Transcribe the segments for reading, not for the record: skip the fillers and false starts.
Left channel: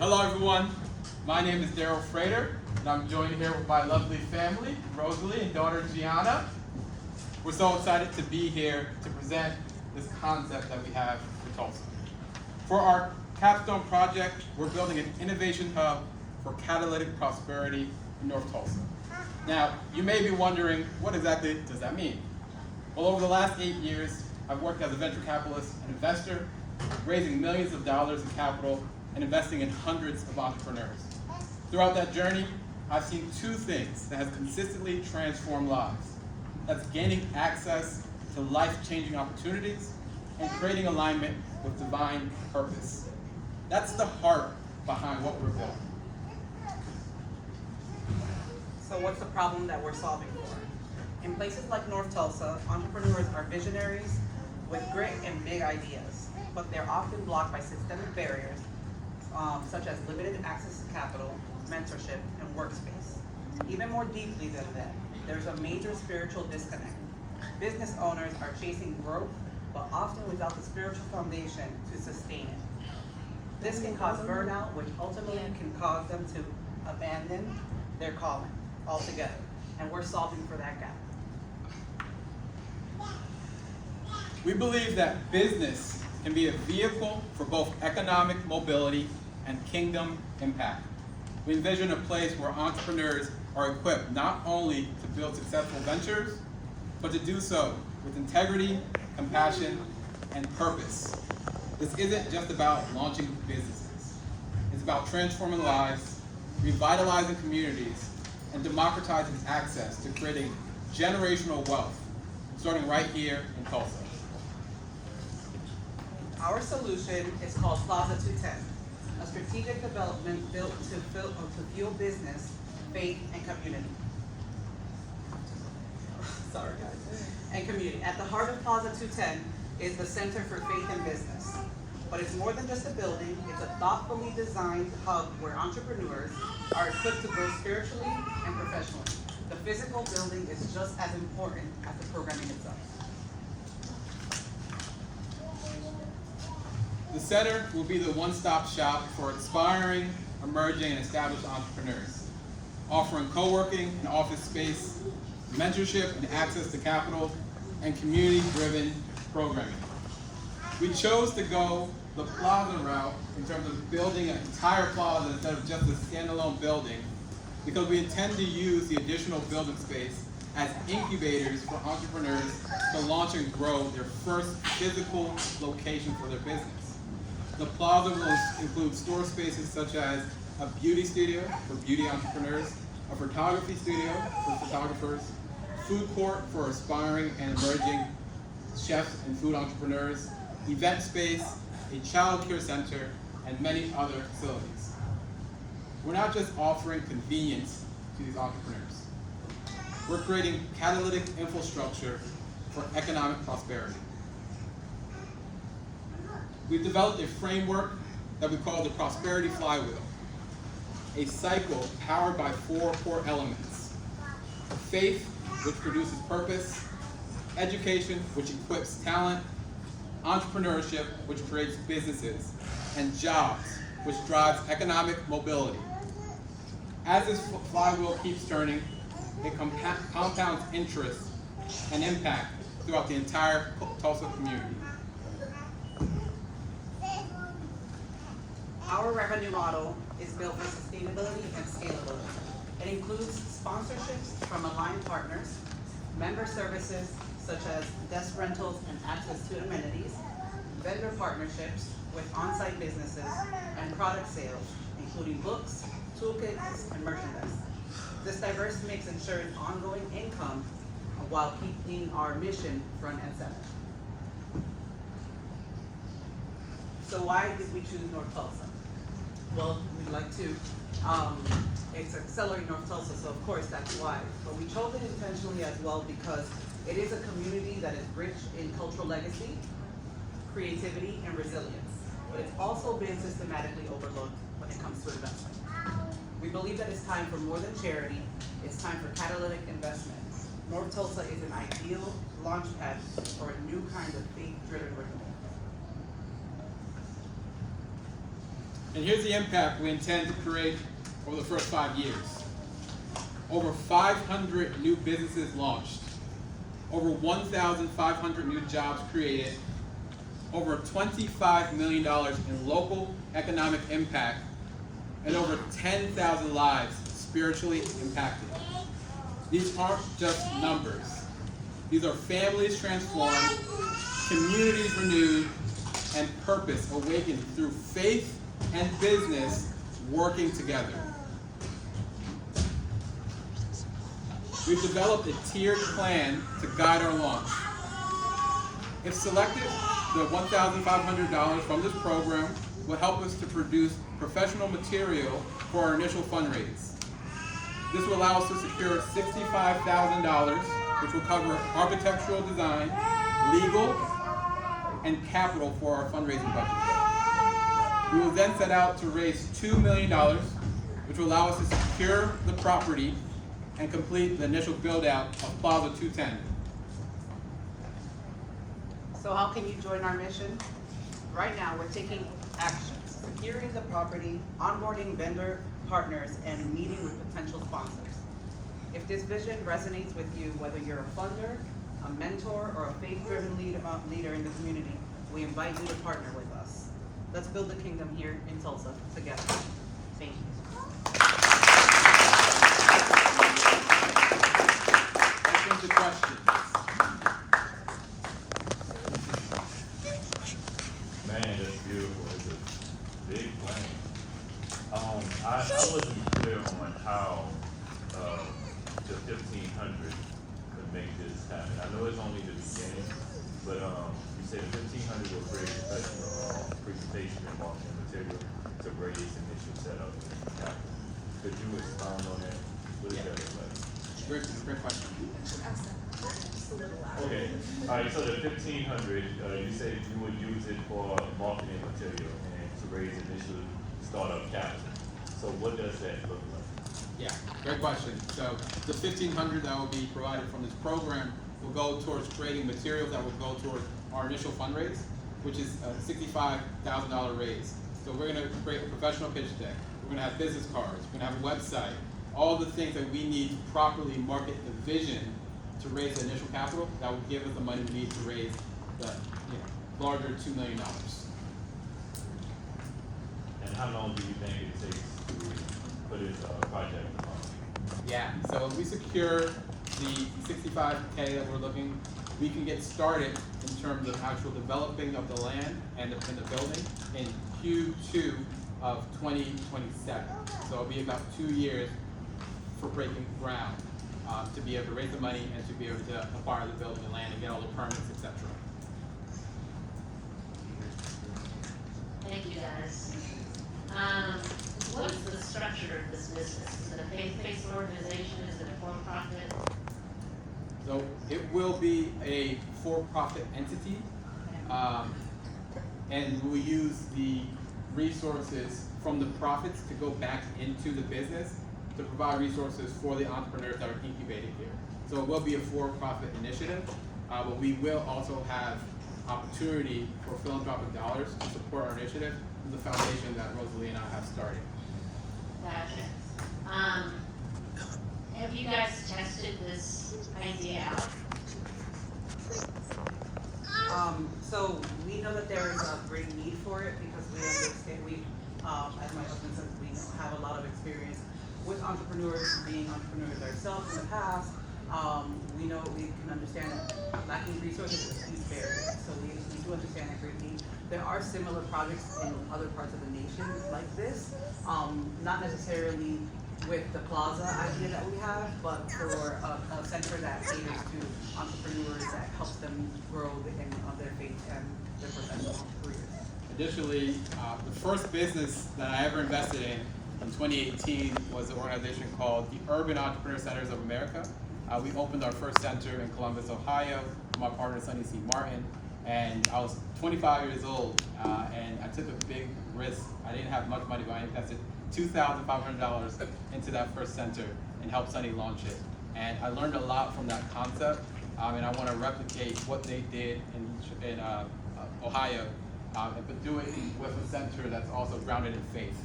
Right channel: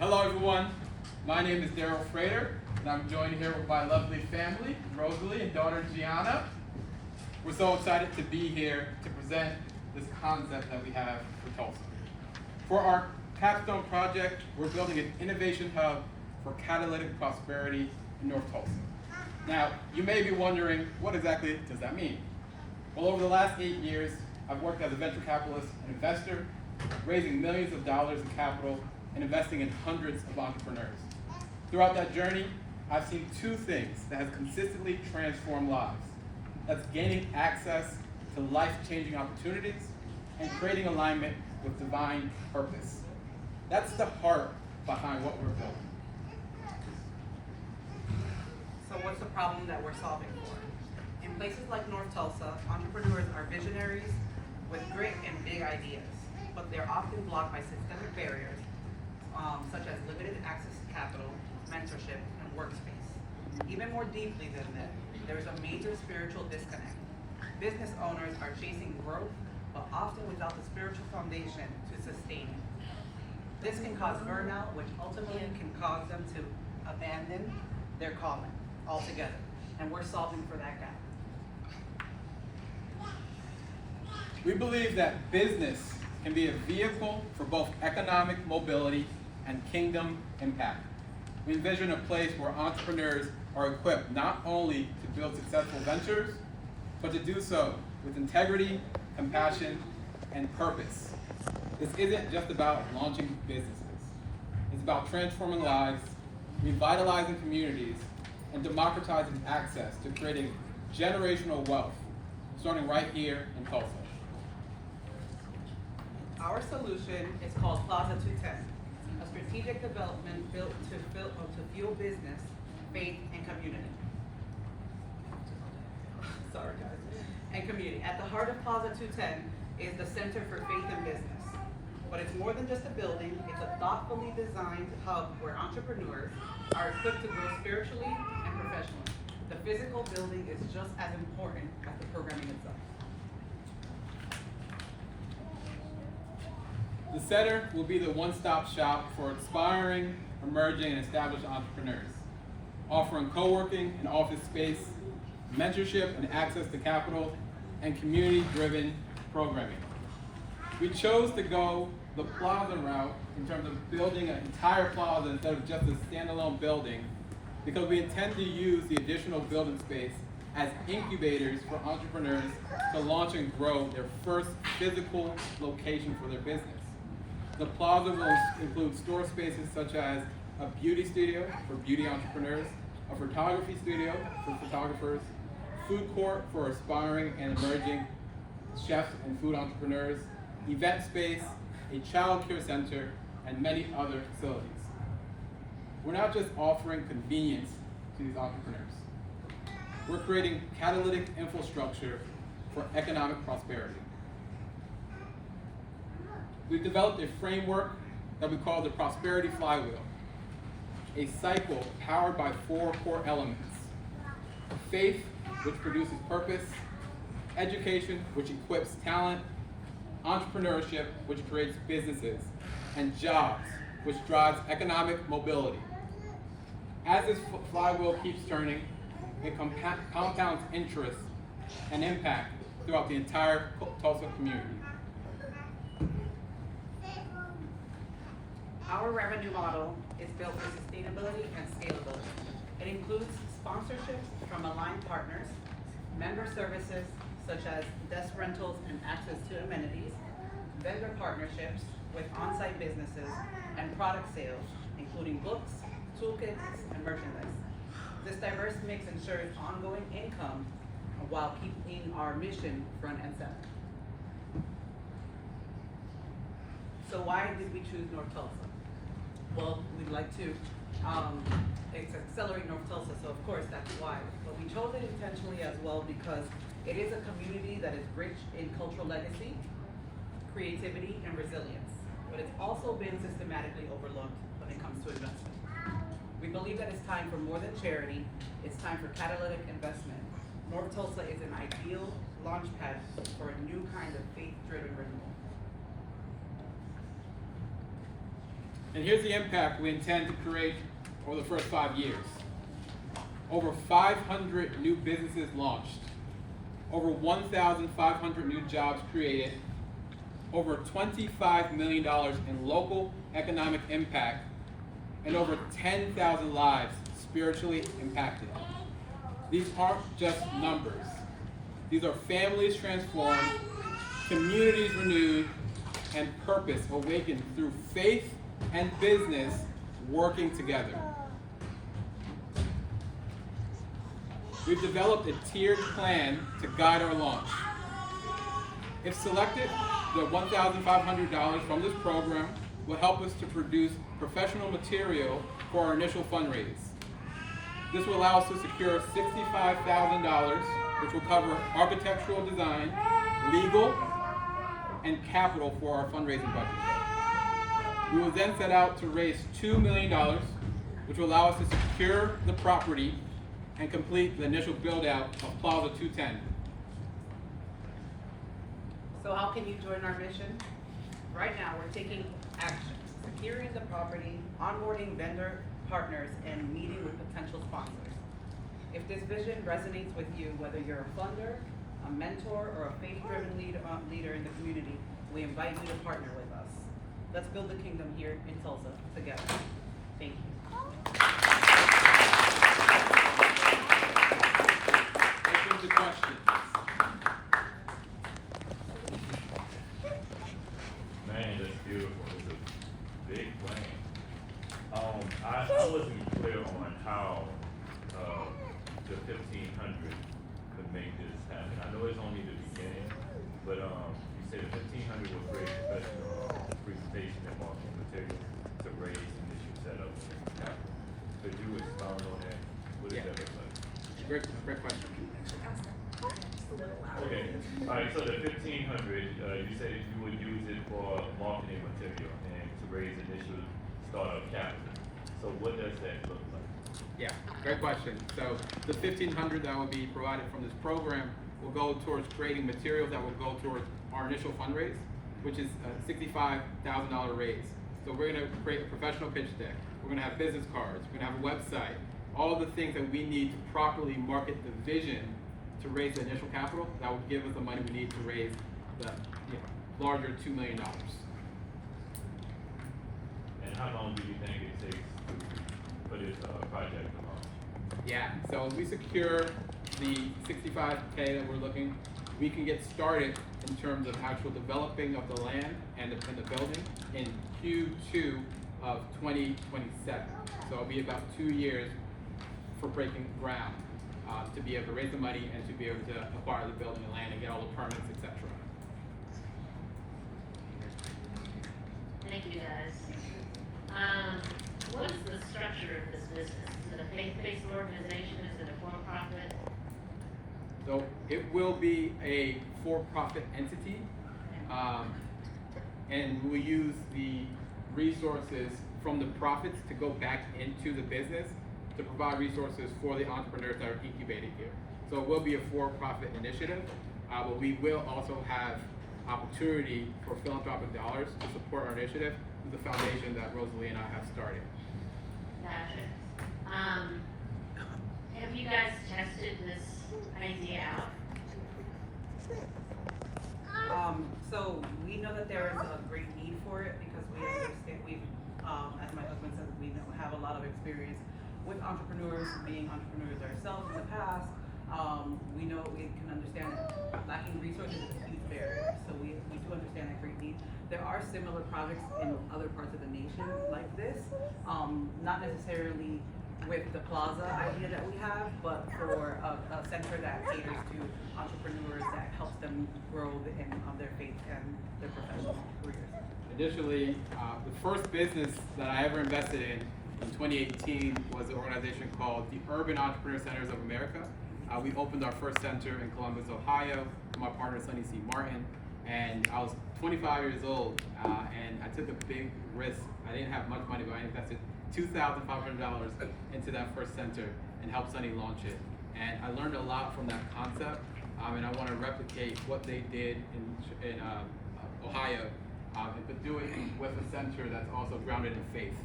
Hello everyone, my name is Darrel Frater, and I'm joined here with my lovely family, Rosalie and daughter Gianna. We're so excited to be here to present this concept that we have for Tulsa. For our capstone project, we're building an innovation hub for catalytic prosperity in North Tulsa. Now, you may be wondering, what exactly does that mean? Well, over the last 8 years, I've worked as a venture capitalist and investor, raising millions of dollars in capital and investing in hundreds of entrepreneurs. Throughout that journey, I've seen two things that have consistently transformed lives. That's gaining access to life-changing opportunities and creating alignment with divine purpose. That's the heart behind what we're building. So what's the problem that we're solving for? In places like North Tulsa, entrepreneurs are visionaries with grit and big ideas, but they're often blocked by systemic barriers such as limited access to capital, mentorship, and workspace. Even more deeply than that, there's a major spiritual disconnect. Business owners are chasing growth, but often without the spiritual foundation to sustain it. This can cause burnout, which ultimately can cause them to abandon their calling altogether, and we're solving for that gap. We believe that business can be a vehicle for both economic mobility and kingdom impact. We envision a place where entrepreneurs are equipped not only to build successful ventures, but to do so with integrity, compassion, and purpose. This isn't just about launching businesses. It's about transforming lives, revitalizing communities, and democratizing access to creating generational wealth, starting right here in Tulsa. Our solution is called Plaza 210, a strategic development built to fuel business, faith, and community. Sorry, guys. And community. At the heart of Plaza 210 is the Center for Faith and Business. But it's more than just a building, it's a thoughtfully designed hub where entrepreneurs are equipped to grow spiritually and professionally. The physical building is just as important as the programming itself. The center will be the one-stop shop for aspiring, emerging, and established entrepreneurs, offering co-working and office space, mentorship and access to capital, and community-driven programming. We chose to go the Plaza route in terms of building an entire plaza instead of just a standalone building, because we intend to use the additional building space as incubators for entrepreneurs to launch and grow their first physical location for their business. The Plaza will include store spaces such as a beauty studio for beauty entrepreneurs, a photography studio for photographers, food court for aspiring and emerging chefs and food entrepreneurs, event space, a child care center, and many other facilities. We're not just offering convenience to these entrepreneurs. We're creating catalytic infrastructure for economic prosperity. We've developed a framework that we call the Prosperity Flywheel, a cycle powered by 4 core elements: faith, which produces purpose; education, which equips talent; entrepreneurship, which creates businesses; and jobs, which drives economic mobility. As this flywheel keeps turning, it compounds interest and impact throughout the entire Tulsa community. Our revenue model is built for sustainability and scalability. It includes sponsorships from aligned partners, member services such as desk rentals and access to amenities, vendor partnerships with on-site businesses, and product sales, including books, toolkits, and merchandise. This diverse mix ensures ongoing income while keeping our mission front and center. So why did we choose North Tulsa? Well, we'd like to, it's Accelerate North Tulsa, so of course that's why. But we chose it intentionally as well because it is a community that is rich in cultural legacy, creativity, and resilience. But it's also been systematically overlooked when it comes to investment. We believe that it's time for more than charity, it's time for catalytic investment. North Tulsa is an ideal launchpad for a new kind of faith-driven renewal. And here's the impact we intend to create over the first 5 years. Over 500 new businesses launched, over 1,500 new jobs created, over $25 million in local economic impact, and over 10,000 lives spiritually impacted. These aren't just numbers. These are families transformed, communities renewed, and purpose awakened through faith and business working together. We've developed a tiered plan to guide our launch. If selected, the $1,500 from this program will help us to produce professional material for our initial fundraise. This will allow us to secure $65,000, which will cover architectural design, legal, and capital for our fundraising budget. We will then set out to raise $2 million, which will allow us to secure the property and complete the initial build-out of Plaza 210. So how can you join our mission? Right now, we're taking actions, securing the property, onboarding vendor partners, and meeting with potential sponsors. If this vision resonates with you, whether you're a funder, a mentor, or a faith-driven leader in the community, we invite you to partner with us. Let's build the kingdom here in Tulsa together. Thank you. Open to questions. Man, that's beautiful. It's a big plan. I wasn't clear on how the 1,500 could make this happen. I know it's only the beginning, but you said the 1,500 will create professional presentation and marketing material to raise initial setup and capital. Could you expound on that? What does that look like? Great question. Okay, all right, so the 1,500, you said you would use it for marketing material and to raise initial startup capital. So what does that look like? Yeah, great question. So the $1,500 that will be provided from this program will go towards creating materials that will go towards our initial fundraise, which is a $65,000 raise. So we're gonna create a professional pitch deck. We're gonna have business cards. We're gonna have a website. All the things that we need to properly market the vision to raise the initial capital that will give us the money we need to raise the larger $2 million. And how long do you think it takes to put this project on? Yeah, so if we secure the $65K that we're looking, we can get started in terms of actual developing of the land and the building in Q2 of 2027. So it'll be about 2 years for breaking ground to be able to raise the money and to be able to acquire the building and land and get all the permits, etc. Thank you, guys. What is the structure of this business? Is it a faith-based organization? Is it a for-profit? So it will be a for-profit entity, and we'll use the resources from the profits to go back into the business to provide resources for the entrepreneurs that are incubated here. So it will be a for-profit initiative, but we will also have opportunity for philanthropic dollars to support our initiative through the foundation that Roselly and I have started. Gotcha. Have you guys tested this idea out? So we know that there is a great need for it because we understand, as my husband says, we have a lot of experience with entrepreneurs, being entrepreneurs ourselves in the past. We know we can understand that lacking resources is a huge barrier. So we do understand that great need. There are similar projects in other parts of the nation like this, not necessarily with the Plaza idea that we have, but for a center that caters to entrepreneurs that helps them grow on their faith and their professional careers. Additionally, the first business that I ever invested in 2018 was an organization called the Urban Entrepreneur Centers of America. We opened our first center in Columbus, Ohio, with my partner Sonny C. Martin, and I was 25 years old, and I took a big risk. I didn't have much money, but I invested $2,500 into that first center and helped Sonny launch it. And I learned a lot from that concept, and I want to replicate what they did in Ohio but do it with a center that's also grounded in faith.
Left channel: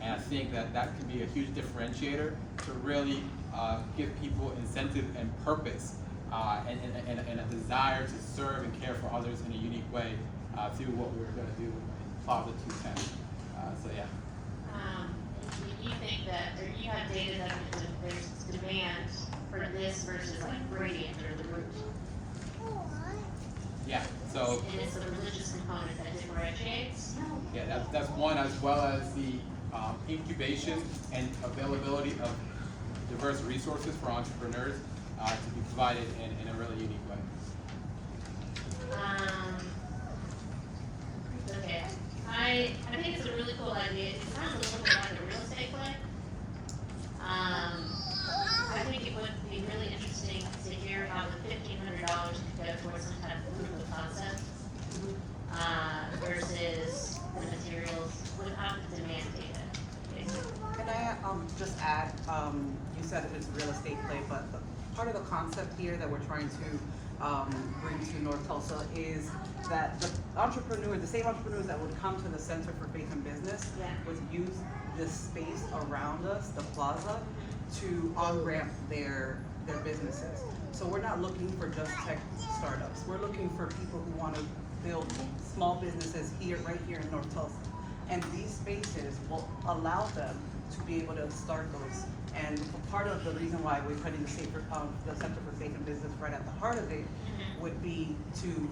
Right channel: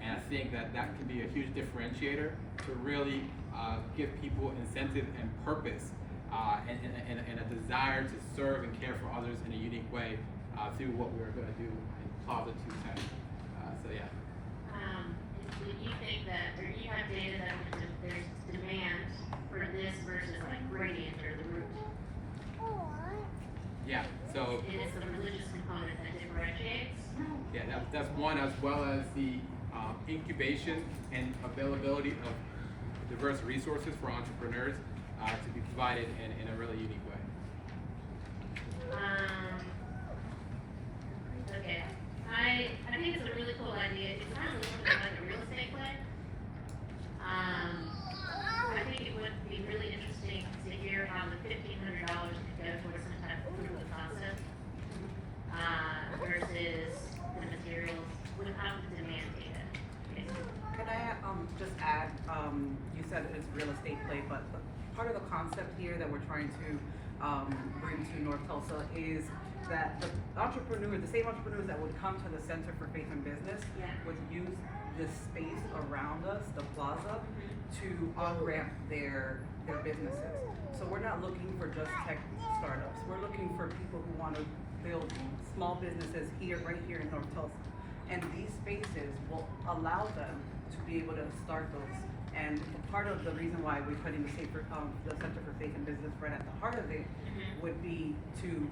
And I think that that can be a huge differentiator to really give people incentive and purpose and a desire to serve and care for others in a unique way through what we're going to do in Plaza 210. So yeah. Do you think that, or do you have data that there's demand for this versus like gradient or the root? Yeah, so. And it's the religious component that differentiates? Yeah, that's one, as well as the incubation and availability of diverse resources for entrepreneurs to be provided in a really unique way. Okay, I think it's a really cool idea. It sounds a little bit like a real estate play. I think it would be really interesting to hear how the $1,500 could go towards some kind of proof of concept versus the materials without the demand data. Can I just add, you said it's a real estate play, but part of the concept here that we're trying to bring to North Tulsa is that the entrepreneurs, the same entrepreneurs that would come to the Center for Faith and Business would use this space around us, the plaza, to on-ramp their businesses. So we're not looking for just tech startups. We're looking for people who want to build small businesses right here in North Tulsa. And these spaces will allow them to be able to start those. And part of the reason why we're putting the Center for Faith and Business right at the heart of it would be to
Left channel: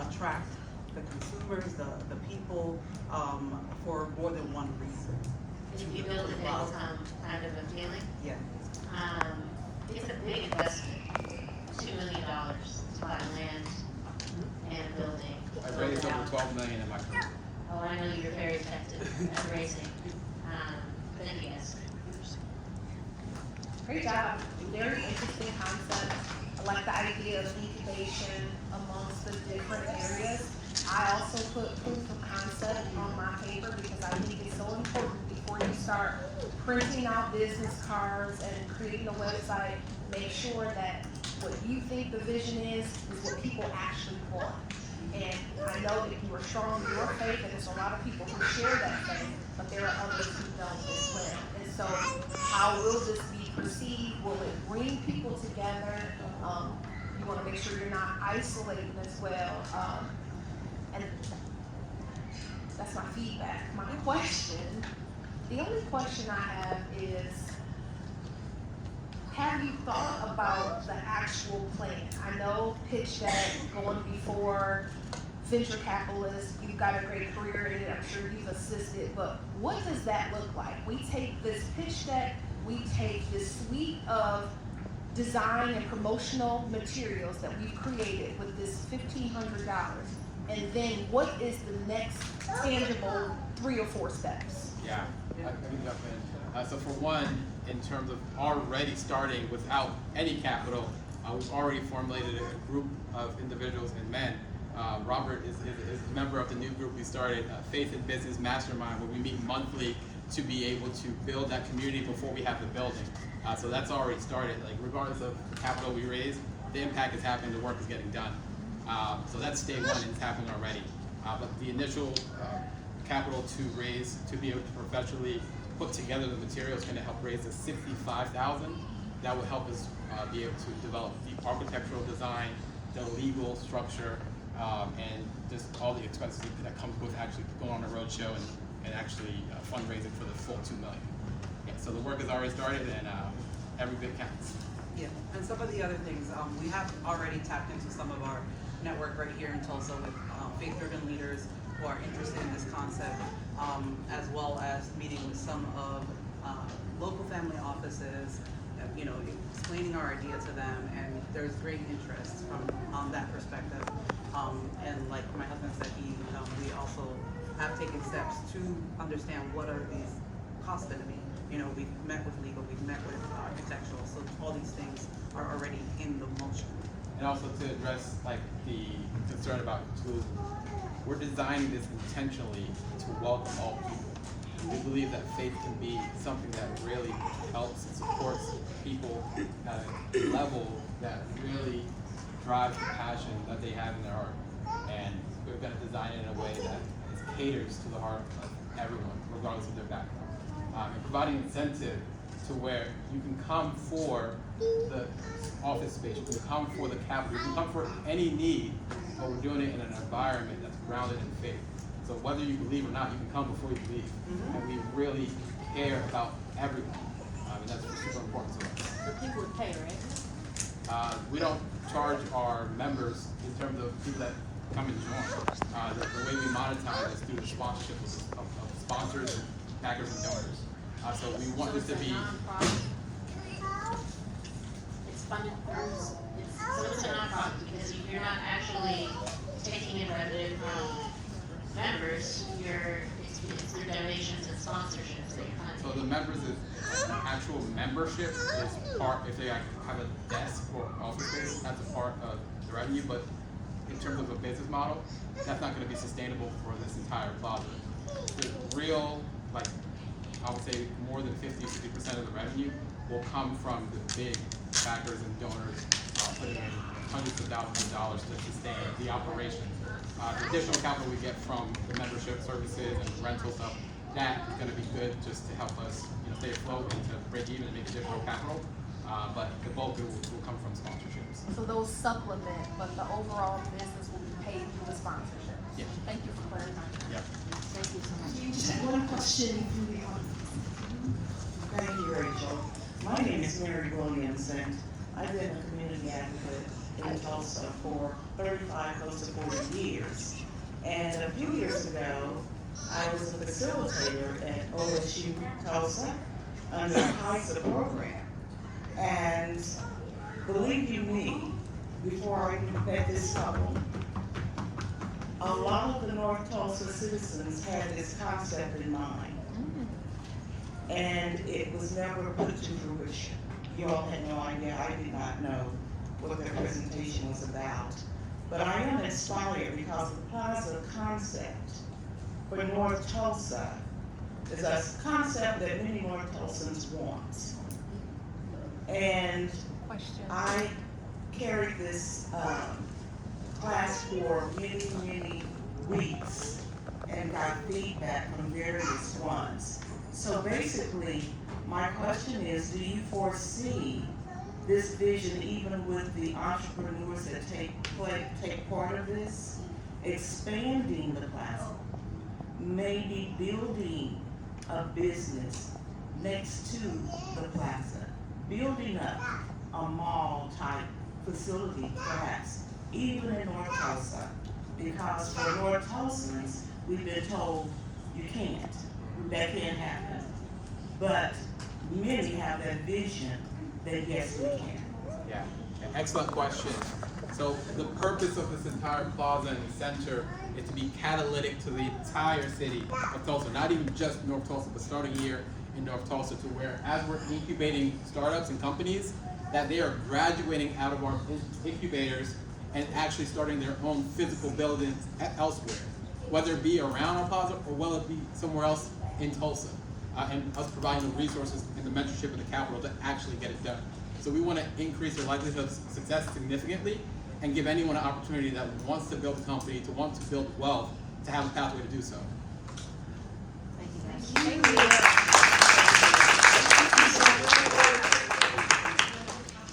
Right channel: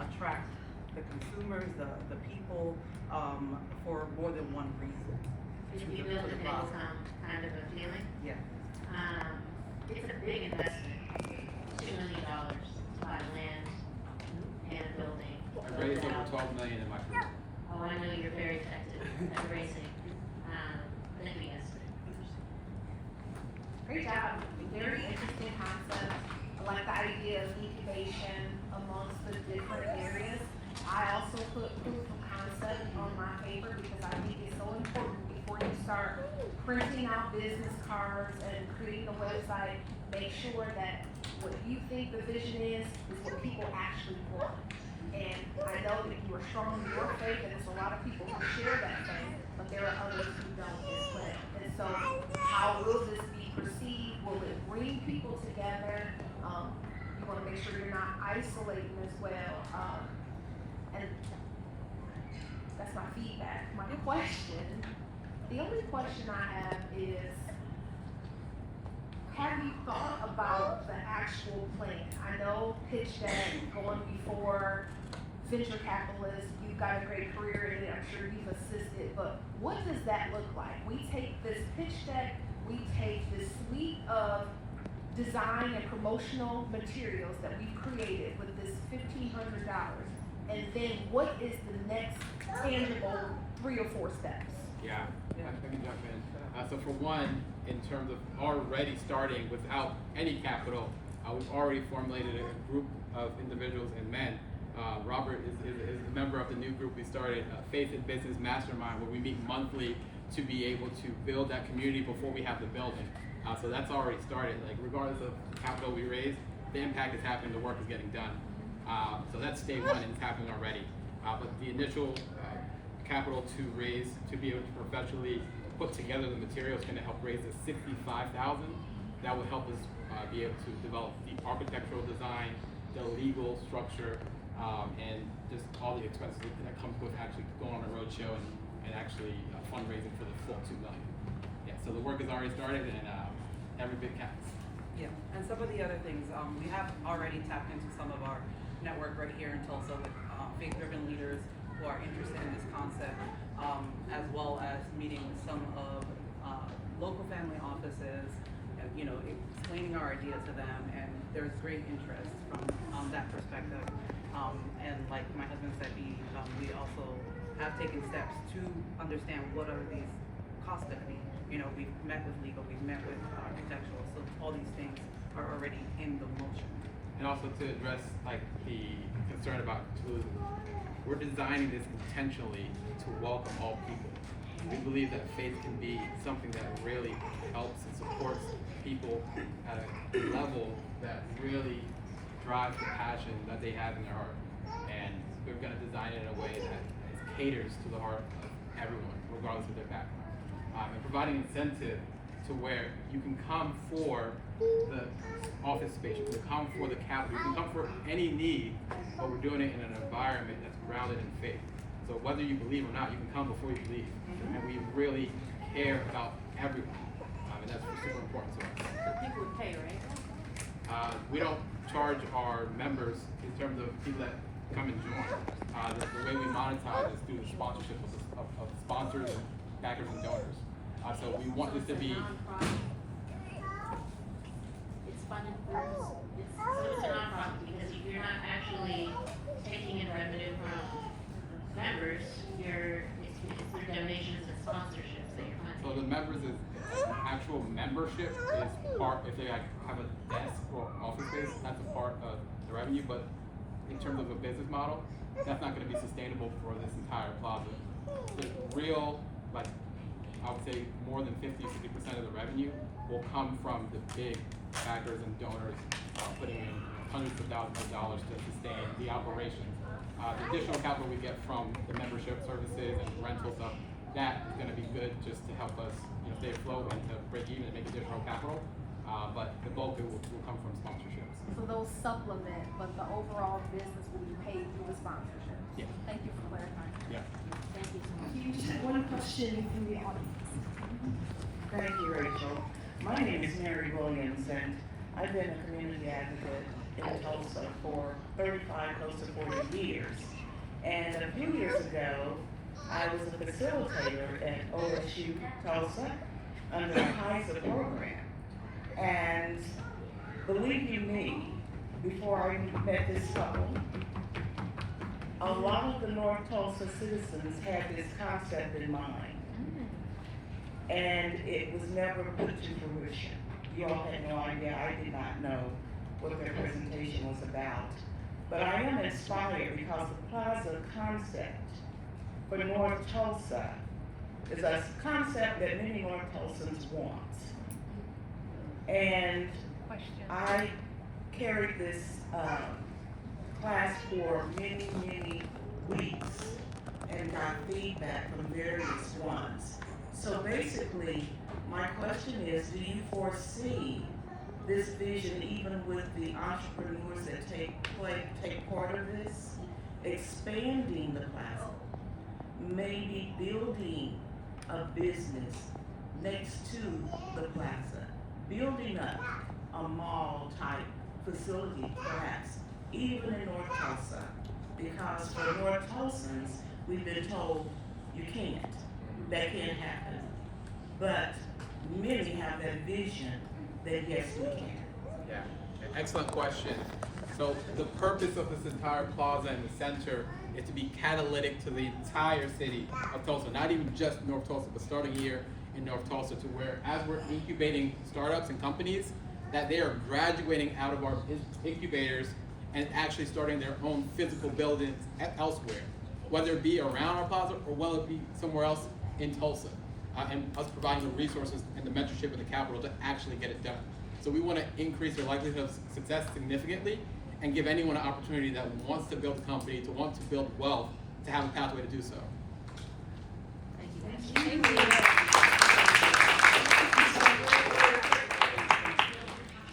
attract the consumers, the people, for more than one reason. If we build it, it'll come kind of a feeling. Yeah. It's a big investment, $2 million to buy land and a building. I raised over $12 million in my career. Oh, I know you're very effective at raising. Thank you guys. Great job, very interesting concept. I like the idea of incubation amongst the different areas. I also put proof of concept on my paper because I think it's so important before you start printing out business cards and creating a website. Make sure that what you think the vision is what people actually want. And I know that you are strong in your faith, and there's a lot of people who share that faith, but there are others who don't as well. And so, how will this be perceived? Will it bring people together? You want to make sure you're not isolating as well. And that's my feedback. My question, the only question I have is, have you thought about the actual plan? I know pitch deck going before venture capitalists, you've got a great career in it, I'm sure you've assisted, but what does that look like? We take this pitch deck, we take this suite of design and promotional materials that we've created with this $1,500, and then what is the next tangible 3 or 4 steps? Yeah, I can jump in. So for one, in terms of already starting without any capital, we've already formulated a group of individuals and men. Robert is a member of the new group we started, Faith and Business Mastermind, where we meet monthly to be able to build that community before we have the building. So that's already started. Like, regardless of the capital we raise, the impact is happening, the work is getting done. So that's day one, and it's happening already. But the initial capital to raise, to be able to professionally put together the materials, is going to help raise the $65,000. That will help us be able to develop the architectural design, the legal structure, and just all the expenses that comes with actually going on a roadshow and actually fundraising for the full $2 million. Yeah, so the work has already started, and every bit counts. Yeah, and some of the other things, we have already tapped into some of our network right here in Tulsa with faith-driven leaders who are interested in this concept, as well as meeting with some of local family offices, explaining our idea to them, and there's great interest from that perspective. And like my husband said, we also have taken steps to understand what are these costs going to be. We've met with legal, we've met with architectural, so all these things are already in the motion. And also to address like the concern about inclusion, we're designing this intentionally to welcome all people. We believe that faith can be something that really helps and supports people at a level that really drives the passion that they have in their heart. And we're gonna design it in a way that caters to the heart of everyone, regardless of their background. And providing incentive to where you can come for the office space, you can come for the capital, you can come for any need, but we're doing it in an environment that's grounded in faith. So whether you believe or not, you can come before you believe. And we really care about everyone, and that's super important to us. So people would pay, right? We don't charge our members in terms of people that come and join. The way we monetize is through the sponsorship of sponsors and backers and donors. So we want this to be. It's funded through, so it's a nonprofit because you're not actually taking in revenue from members, it's through donations and sponsorships that you're So funding. the members is actual membership is part, if they like have a desk or office space, that's a part of the revenue, but in terms of a business model, that's not gonna be sustainable for this entire plaza. The real, like, I would say more than 50% of the revenue will come from the big backers and donors, putting in hundreds of thousands of dollars to sustain the operations. The additional capital we get from the membership services and rental stuff, that is gonna be good just to help us, stay afloat and to break even and make additional capital. But the bulk will come from sponsorships. So those supplement, but the overall business will be paid through the sponsorship. Yeah. Thank you for clarifying. Yep. Thank you so much. You just had one question from the audience. Thank you, Rachel. My name is Mary Williams, and I've been a community advocate in Tulsa for 35, close to 40 years. And a few years ago, I was a facilitator at OSU Tulsa under the CASA program. And believe you me, before I met this couple, a lot of the North Tulsa citizens had this concept in mind. And it was never put to fruition. You all had no idea, I did not know what their presentation was about. But I am inspired because the Plaza concept for North Tulsa is a concept that many North Tulsans want. And I carried this class for many, many weeks and got feedback from various ones. So basically, my question is, do you foresee this vision, even with the entrepreneurs that take part of this, expanding the plaza, maybe building a business next to the plaza, building up a mall type facility perhaps, even in North Tulsa? Because for North Tulsans, we've been told you can't, that can't happen. But many have that vision that yes, we can. Yeah, excellent question. So the purpose of this entire plaza in the center is to be catalytic to the entire city of Tulsa, not even just North Tulsa, but starting here in North Tulsa, to where as we're incubating startups and companies, that they are graduating out of our incubators and actually starting their own physical buildings elsewhere, whether it be around our plaza or whether it be somewhere else in Tulsa, and us providing the resources and the mentorship and the capital to actually get it done. So we want to increase their likelihood of success significantly and give anyone an opportunity that wants to build a company, to want to build wealth, to have a pathway to do so. Thank you.